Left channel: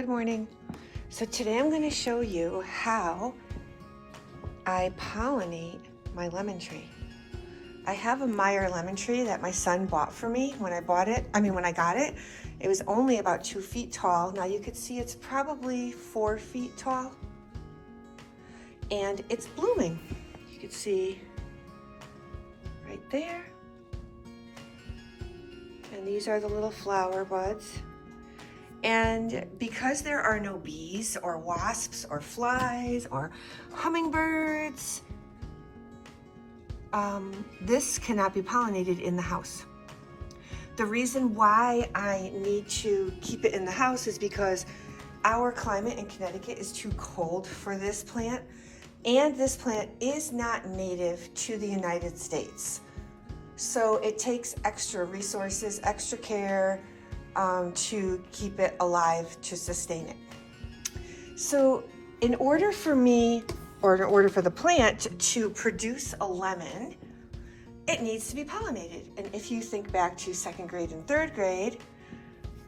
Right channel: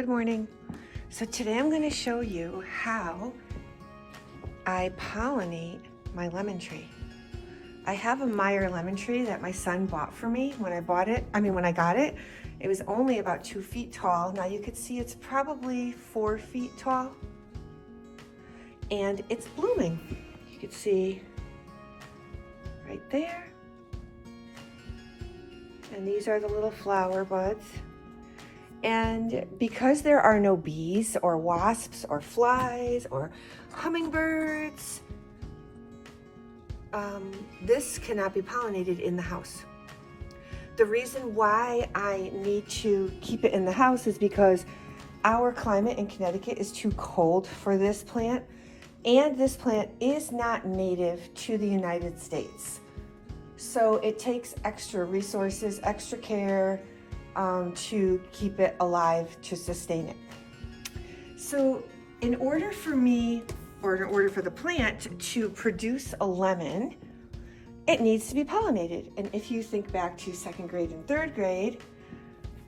Good morning. So today I'm going to show you how I pollinate my lemon tree. I have a Meyer lemon tree that my son bought for me when I got it. It was only about 2 feet tall. Now you can see it's probably 4 feet tall. And it's blooming. You can see right there. And these are the little flower buds. And because there are no bees or wasps or flies or hummingbirds, this cannot be pollinated in the house. The reason why I need to keep it in the house is because our climate in Connecticut is too cold for this plant, and this plant is not native to the United States. So it takes extra resources, extra care, to keep it alive, to sustain it. So in order for the plant to produce a lemon, it needs to be pollinated. And if you think back to 2nd grade and 3rd grade,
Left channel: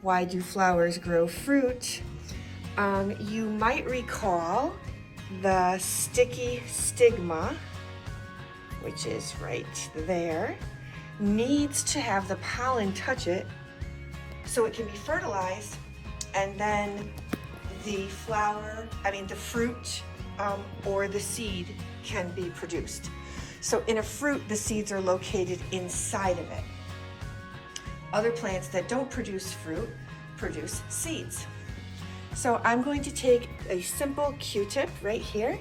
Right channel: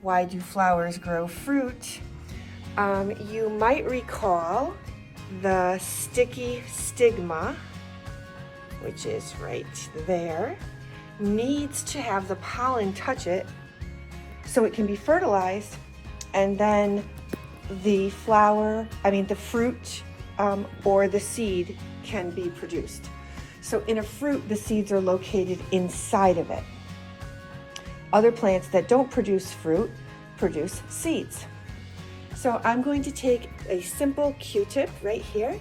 why do flowers grow fruit? You might recall the sticky stigma, which is right there, needs to have the pollen touch it so it can be fertilized, and then the fruit or the seed can be produced. So in a fruit, the seeds are located inside of it. Other plants that don't produce fruit produce seeds. So I'm going to take a simple Q-tip right here,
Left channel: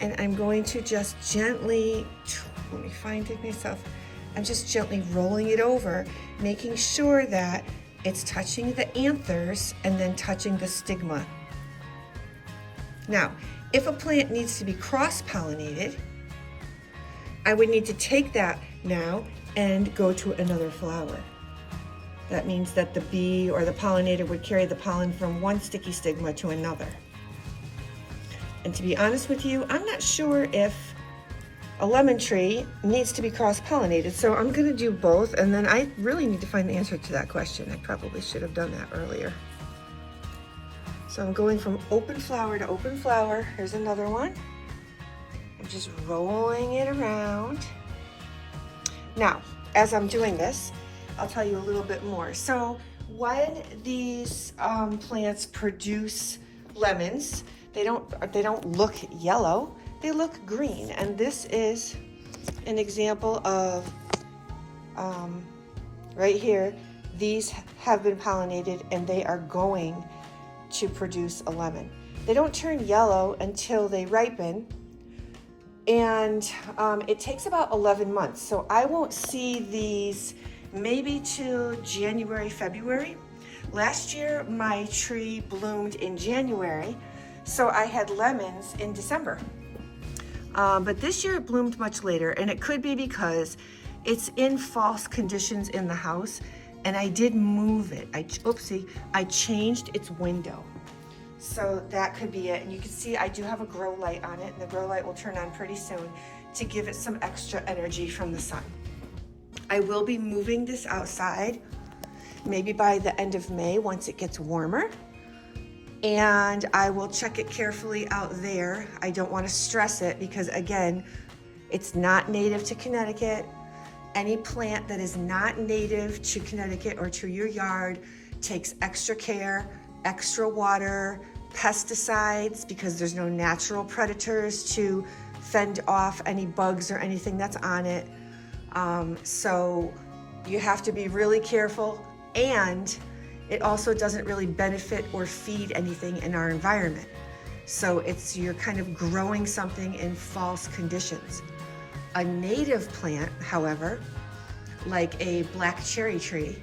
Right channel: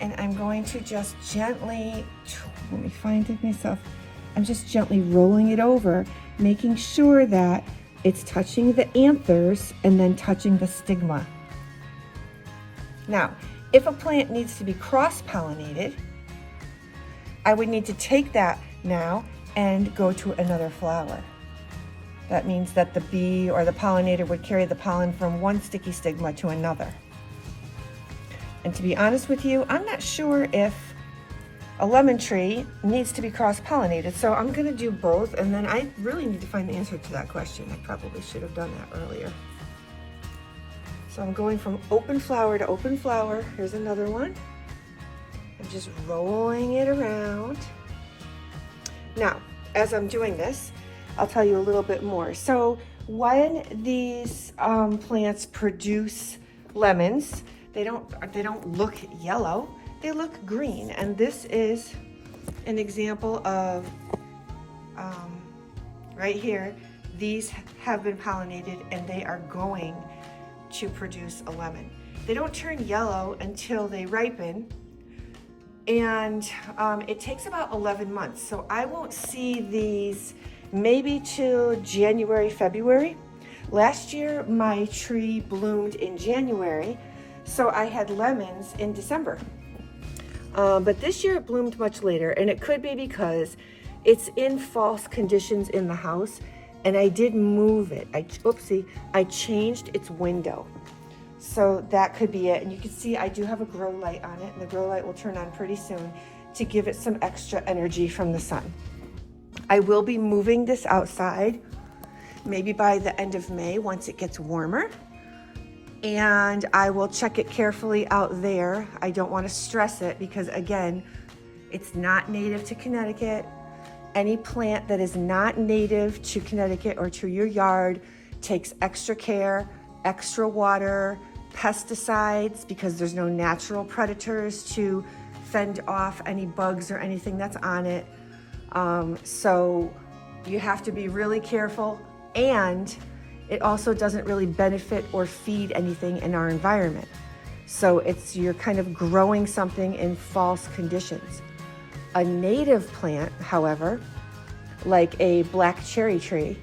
and I'm going to just gently, let me find it myself, I'm just gently rolling it over, making sure that it's touching the anthers and then touching the stigma. Now, if a plant needs to be cross-pollinated, I would need to take that now and go to another flower. That means that the bee or the pollinator would carry the pollen from one sticky stigma to another. And to be honest with you, I'm not sure if a lemon tree needs to be cross-pollinated, so I'm gonna do both, and then I really need to find the answer to that question. I probably should have done that earlier. So I'm going from open flower to open flower. Here's another one. I'm just rolling it around. Now, as I'm doing this, I'll tell you a little bit more. So when these plants produce lemons, they don't look yellow. They look green, and this is an example of, right here, these have been pollinated and they are going to produce a lemon. They don't turn yellow until they ripen, and it takes about 11 months. So I won't see these maybe till January, February. Last year, my tree bloomed in January, so I had lemons in December. But this year it bloomed much later, and it could be because it's in false conditions in the house, and I did move it. I changed its window. So that could be it. And you can see I do have a grow light on it, and the grow light will turn on pretty soon to give it some extra energy from the sun. I will be moving this outside maybe by the end of May once it gets warmer. And I will check it carefully out there. I don't want to stress it because, again, it's not native to Connecticut. Any plant that is not native to Connecticut or to your yard takes extra care, extra water, pesticides, because there's no natural predators to fend off any bugs or anything that's on it. So you have to be really careful, and it also doesn't really benefit or feed anything in our environment. So you're kind of growing something in false conditions. A native plant, however, like a black cherry tree,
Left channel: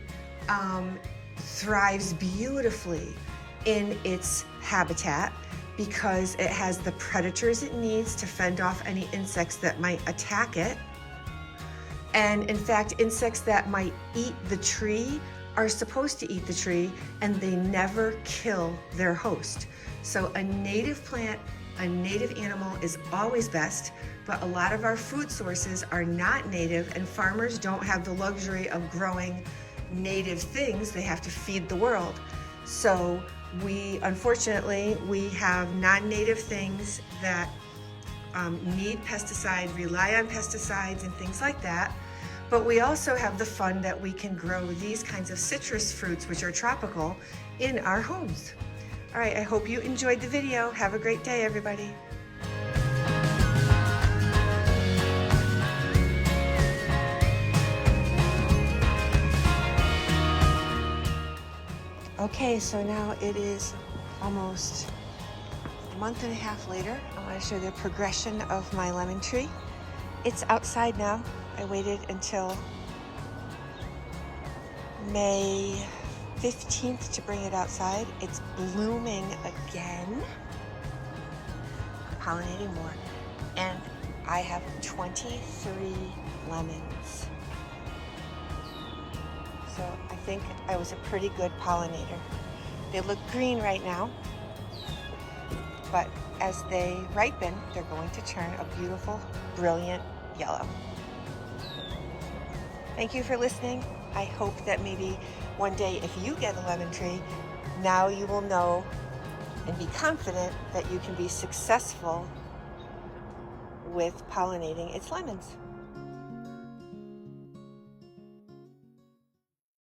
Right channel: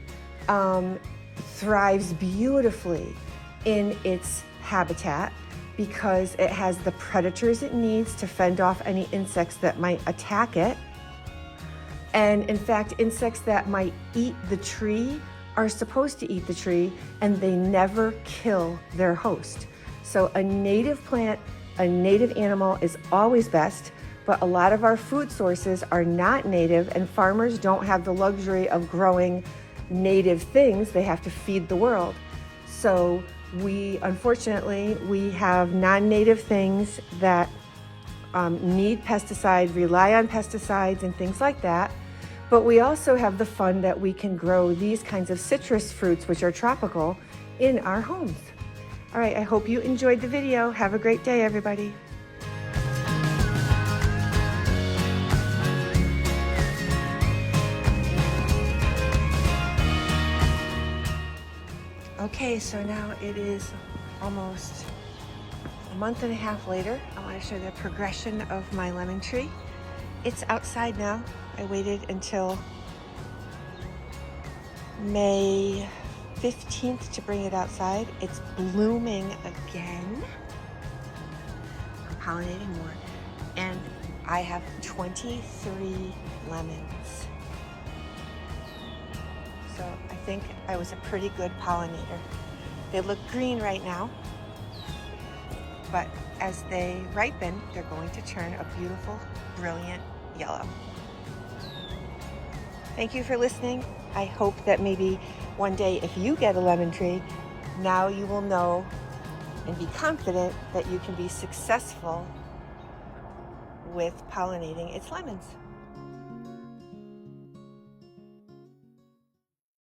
thrives beautifully in its habitat because it has the predators it needs to fend off any insects that might attack it. And in fact, insects that might eat the tree are supposed to eat the tree, and they never kill their host. So a native plant, a native animal is always best, but a lot of our food sources are not native, and farmers don't have the luxury of growing native things. They have to feed the world. So Unfortunately, we have non-native things that need pesticide, rely on pesticides and things like that. But we also have the fun that we can grow these kinds of citrus fruits, which are tropical, in our homes. All right, I hope you enjoyed the video. Have a great day, everybody. Okay, so now it is almost a month and a half later. I want to show the progression of my lemon tree. It's outside now. I waited until May 15th to bring it outside. It's blooming again. I'm pollinating more. And I have 23 lemons. So I think I was a pretty good pollinator. They look green right now, but as they ripen, they're going to turn a beautiful, brilliant yellow. Thank you for listening. I hope that maybe one day if you get a lemon tree, now you will know and be confident that you can be successful with pollinating its lemons.